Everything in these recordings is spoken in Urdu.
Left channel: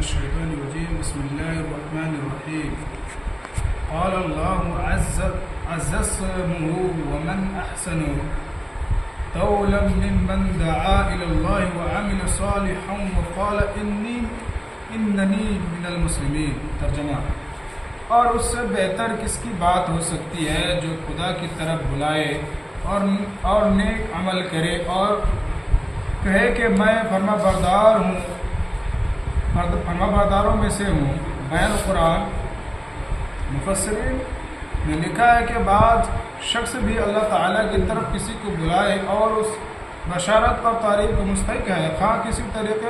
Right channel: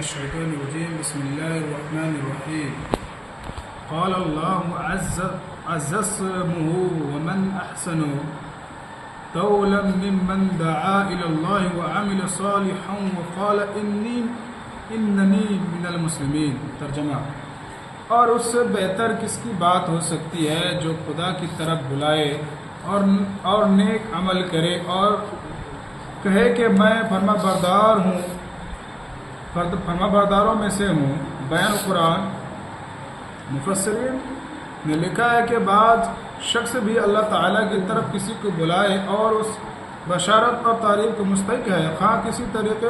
الشيطان الرجيم بسم الله الرحمن الرحيم قال الله عز اسمه ومن أحسن قولا ممن دعا إلى الله وعمل صالحا وقال إنني من المسلمين. ترجمہ: اور اس سے بہتر کس کی بات ہو سکتی ہے جو خدا کی طرف بلائے اور نیک عمل کرے اور کہے کہ میں فرما برداروں میں سے ہوں. بیان قرآن. مفسرین نے لکھا ہے کہ بعض شخص بھی اللہ تعالیٰ کی طرف کسی کو بلائے اور اس بشارت اور تعریف کا مستحق ہے، خواہ کسی طریق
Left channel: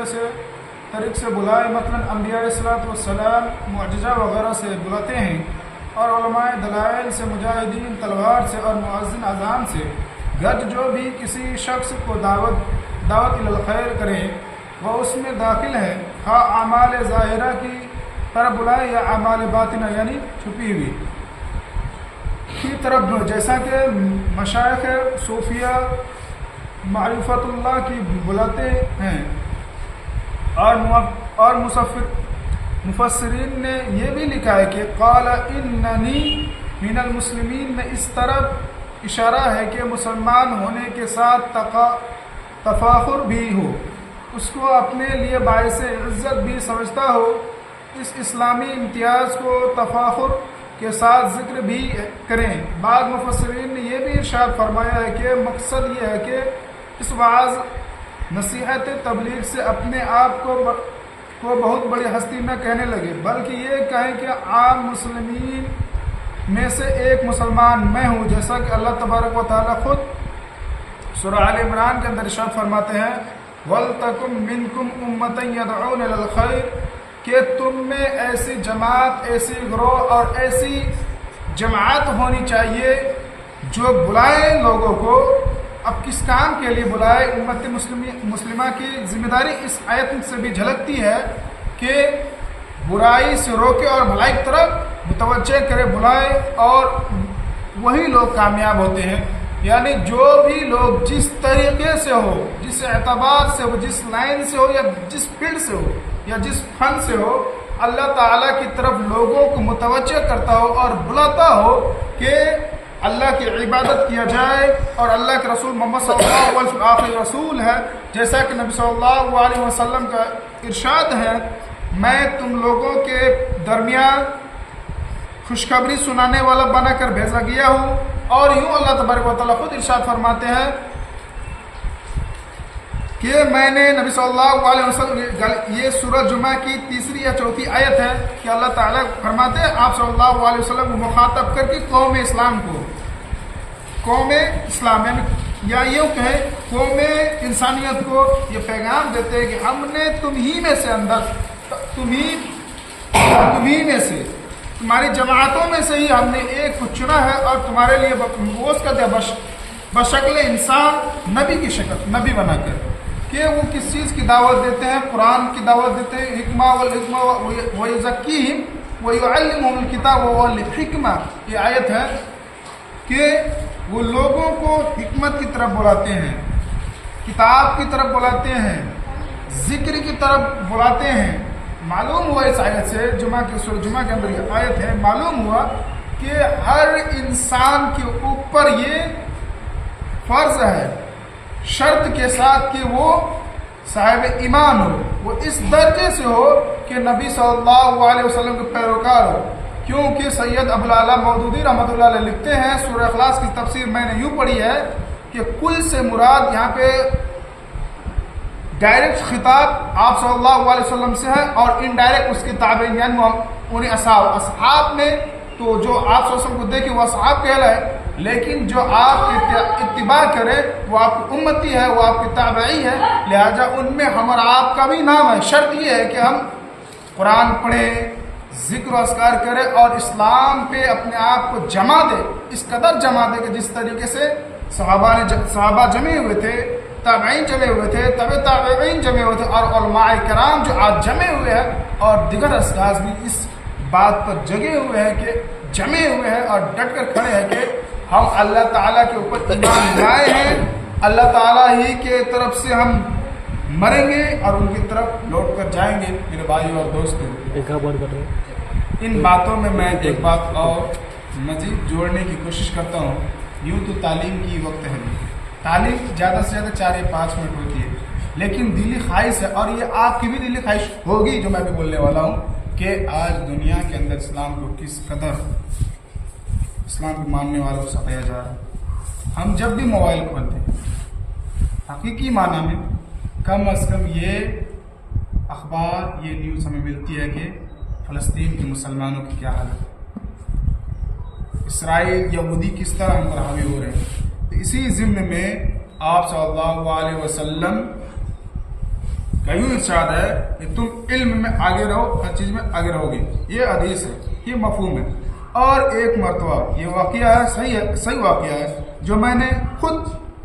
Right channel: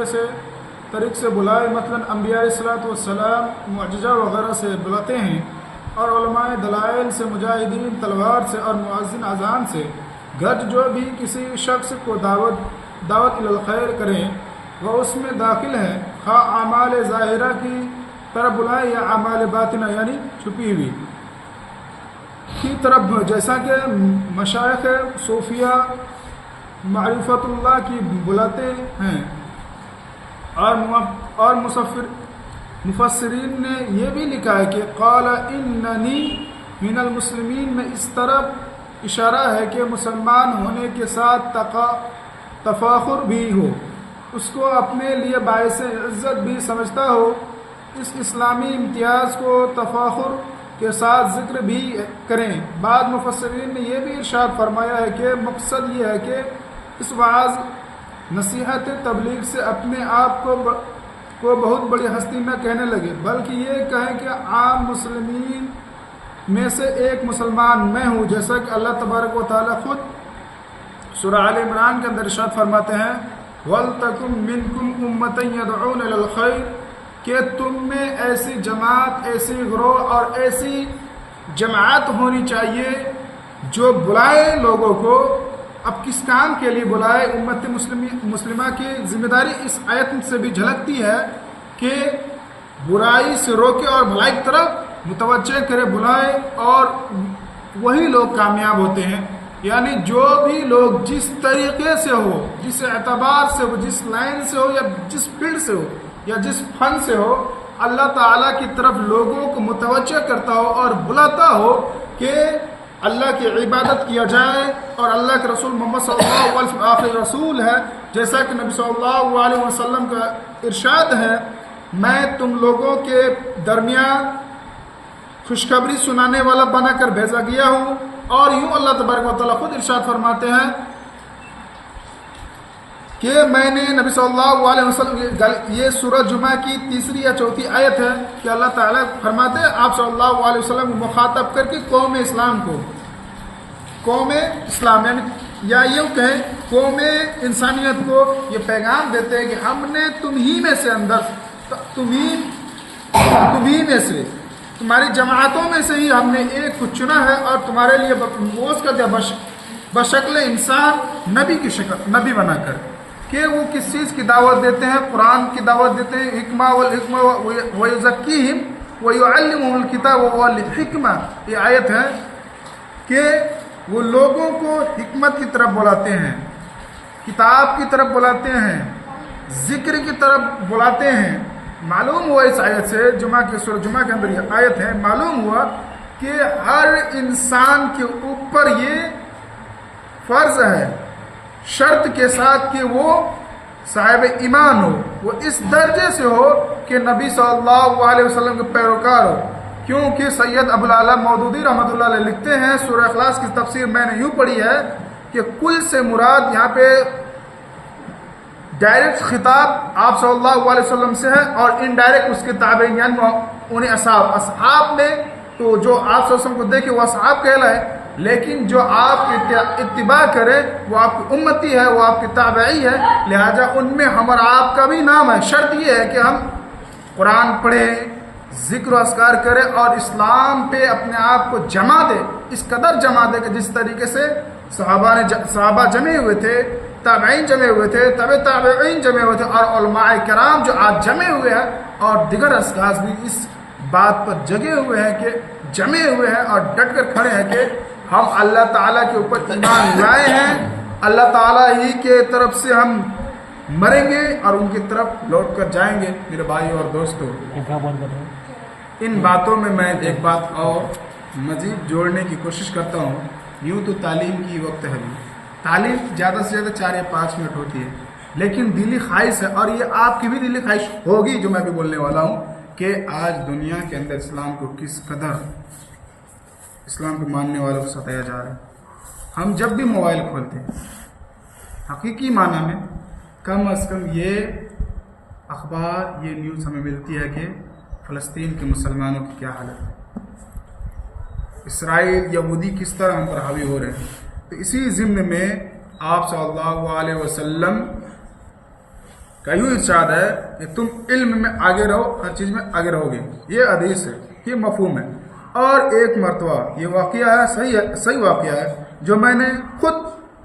سے بلائے، مثلا انبیاء الصلاۃ والسلام معجزہ وغیرہ سے بلاتے ہیں، اور علماء دلائل سے، مجاہدین تلوار سے، اور مؤذن اذان سے. گرچہ جو بھی کسی شخص کو دعوت الخیر کریں وہ اس میں داخل ہے، خواہ اعمال ظاہرہ کی طرف بلائے یا اعمال باطنہ یعنی چھپی ہوئی کی طرف، جیسا کہ مشائخ صوفیہ معرفت اللہ کی بلاتے ہیں. اور مفسرین نے یہ بھی لکھا ہے کہ قال اننی من المسلمین میں اس طرف اشارہ ہے کہ مسلمان ہونے کے ساتھ تفاخر بھی ہو، اس کو اپنے لیے باعث عزت بھی سمجھتا ہو. اس اسلامی امتیاز کو تفاخر کے ساتھ ذکر بھی کریں. بعض مفسرین نے یہ بھی ارشاد فرمایا ہے کہ مقصد یہ ہے کہ اس وعظ، نصیحت، تبلیغ سے اپنے آپ کو بہت بڑی ہستی نہ کہنے لگے، بلکہ یہ کہیں کہ عام مسلمین میں سے ایک مسلمان میں ہوں، جیسا کہ اللہ تبارک و تعالیٰ خود سورہ آل عمران کے اندر ارشاد فرماتے ہیں وَلْتَكُمْ مِنْكُمْ أُمَّةً يَدْعُونَ إِلَى الْخَيْرِ، کہ تم میں ایسی جماعت، ایسی گروہ اور ایسی جماعت ہونی چاہیے جو بلائے لوگوں کو. اب کس کام کے لیے بلائے؟ امت مسلمہ کی ذمہ داری اس آیت سے بھی جھلکتی ہے کہ برائی سے روکے اور بھلائی کی طرف متوجہ کرے، بلائے، اور وہی لوگ کامیاب ہوتے ہیں. یعنی جو بھی لوگ جس طریقے سے ہو، جس اعتبار سے ہو، جس لائن سے ہو، یا جس فیلڈ سے ہو، یا جس فن سے ہو، اللہ تعالیٰ کی طرف لوگوں کو متوجہ کرتا ہو اور بلاتا ہو کہ اللہ کی عبادت کیا جائے. اور اللہ کے رسول محمد صلی اللہ علیہ وسلم آخری رسول ہے، جیسا کہ نبی صلی اللہ علیہ وسلم کا ارشاد ہے میں تم لوگوں کے درمیان خوشخبری سنانے والا بنا کر بھیجا گیا ہوں. اور یوں اللہ تبارک و تعالیٰ خود ارشاد فرماتے ہیں کہ میں نے نبی صلی اللہ علیہ وسلم، یہ سورہ جمعہ کی تیسری یا چوتھی آیت ہے کہ اللہ تعالیٰ فرماتے ہیں آپ صلی اللہ علیہ وسلم کو مخاطب کر کے قوم اسلام یعنی یا یوں کہیں قوم انسانیت کو یہ پیغام دیتے ہیں کہ ہم نے تمہیں میں سے تمہاری جماعتوں میں سے ہی ہم نے ایک کو چنا ہے، اور تمہارے لیے اس کا کیا بشکل انسان نبی بنا کر کہ وہ کس چیز کی دعوت دیتے ہیں؟ قرآن کی دعوت دیتے ہیں. حکمہ وَيُزَكِّيهِمْ وَيُعَلِّمُهُمُ الْكِتَابَ وَالْحِکمہ، یہ آیت ہے کہ وہ لوگوں کو حکمت کی طرف بلاتے ہیں، کتاب کی طرف بلاتے ہیں، ذکر کی طرف بلاتے ہیں. معلوم ہوا اس آیت سے، سورہ جمعہ کے اندر یہ آیت ہے، معلوم ہوا کہ ہر انسان کے اوپر یہ فرض ہے، شرط کے ساتھ کہ وہ صاحب ایمان ہو، وہ اس درجے سے ہو کہ نبی صلی اللہ علیہ وسلم کے پیروکار ہو. کیونکہ سید ابوالعلا مودودی رحمۃ اللہ علیہ لکھتے ہیں، سورہ اخلاص کی تفسیر میں نے یوں پڑھی ہے کہ کل سے مراد یہاں پہ ڈائریکٹ خطاب آپ صلی اللہ علیہ وسلم سے ہے، اور انڈائریکٹ اس کے تابعین یعنی انہیں اصحاب میں تو جو آپ صلی اللہ علیہ وسلم کو دیکھے وہ اصحاب کہلائے، لیکن جو آپ کی اتباع کرے وہ آپ کی امتی ہے، وہ آپ کی تابعی ہے، لہذا ان میں ہم اور آپ کا بھی نام ہے. شرط یہ ہے کہ ہم قرآن پڑھیں، ذکر و اذکار کرے اور اسلام پہ اپنے آپ کو جما دے، اس قدر جما دے کہ جس طریقے سے صحابہ جمے ہوئے تھے، تابعین جمے ہوئے تھے، تابعین جمے ہوئے تھے، اور علماء کرام جو آج جمے ہوئے ہیں، اور دیگر اشخاص بھی اس بات پر جگے ہوئے ہیں کہ جمے ہوئے ہیں اور ڈٹ کر کھڑے ہیں کہ ہم اللہ تعالیٰ کے اوپر ایمان لائے ہیں، اللہ تعالیٰ ہی کے طرف سے ہم مریں گے اور ان کی طرف لوٹ کر جائیں گے۔ میرے بھائیوں اور دوستوں، ان باتوں میں میں ایک بات اور مزید جوڑنے کی کوشش کرتا ہوں۔ یوں تو تعلیم کی وقت ہے، تعلیم زیادہ سے زیادہ 4 یا 5 منٹ ہوتی ہے، لیکن دلی خواہش ہے، اور یہ آپ کی بھی دلی خواہش ہوگی جو میں بھی بولنے والا ہوں، کہ آج دنیا کے اندر اسلام کو کس قدر، اسلام کو ماننے والوں کو ستایا جا رہا ہے۔ ہم جب بھی موبائل کھولتے ہیں، حقیقی معنی میں کم از کم یہ اخبار، یہ نیوز ہمیں ملتی ہے کہ فلسطین کے مسلمانوں کی کیا حالت ہے، اسرائیل یہودی کس طرح ہم پر حاوی ہو رہے ہیں۔ تو اسی ضمن میں آپ صلی اللہ علیہ وسلم کا یوں ارشاد ہے کہ تم علم میں آگے رہو، ہر چیز میں آگے رہو گے، یہ حدیث ہے، یہ مفہوم ہے۔ اور ایک مرتبہ یہ واقعہ ہے، صحیح واقعہ ہے، جو میں نے خود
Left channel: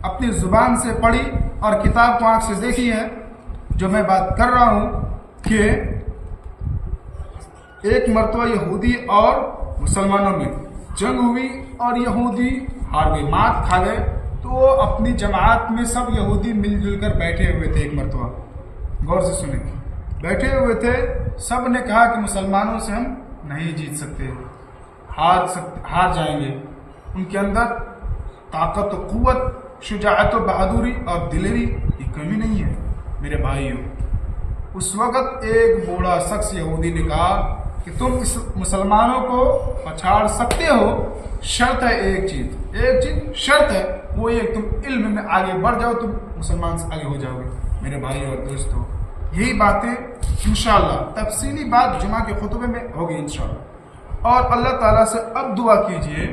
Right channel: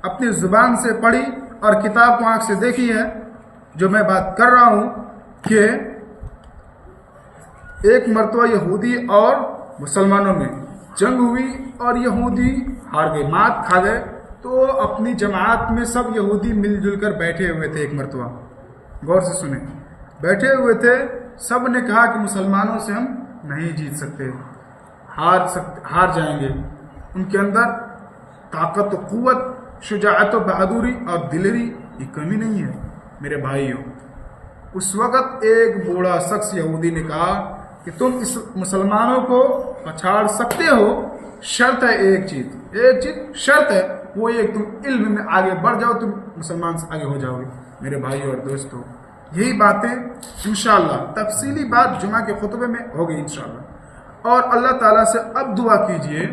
اپنی زبان سے پڑھی اور کتاب کو آنکھ سے دیکھی ہے، جو میں بات کر رہا ہوں کہ ایک مرتبہ یہودی اور مسلمانوں میں جنگ ہوئی اور یہودی ہار گئے، مات کھا گئے۔ تو اپنی جماعت میں سب یہودی مل جل کر بیٹھے ہوئے تھے۔ ایک مرتبہ غور سے سنیں، بیٹھے ہوئے تھے، سب نے کہا کہ مسلمانوں سے ہم نہیں جیت سکتے، ہار جائیں گے۔ ان کے اندر طاقت و قوت، شجاعت و بہادری اور دلیری کی کمی نہیں ہے۔ میرے بھائیوں، اس وقت ایک بوڑھا شخص یہودی نے کہا کہ تم اس مسلمانوں کو پچھاڑ سکتے ہو، شرط ہے ایک چیز شرط ہے، وہ یہ تم علم میں آگے بڑھ جاؤ، تم مسلمان سے آگے ہو جاؤ گے۔ میرے بھائیوں اور دوستوں، یہی باتیں انشاءاللہ تفصیلی بات جمعہ کے خطبے میں ہوگی انشاءاللہ۔ اور اللہ تعالیٰ سے اب دعا کیجئے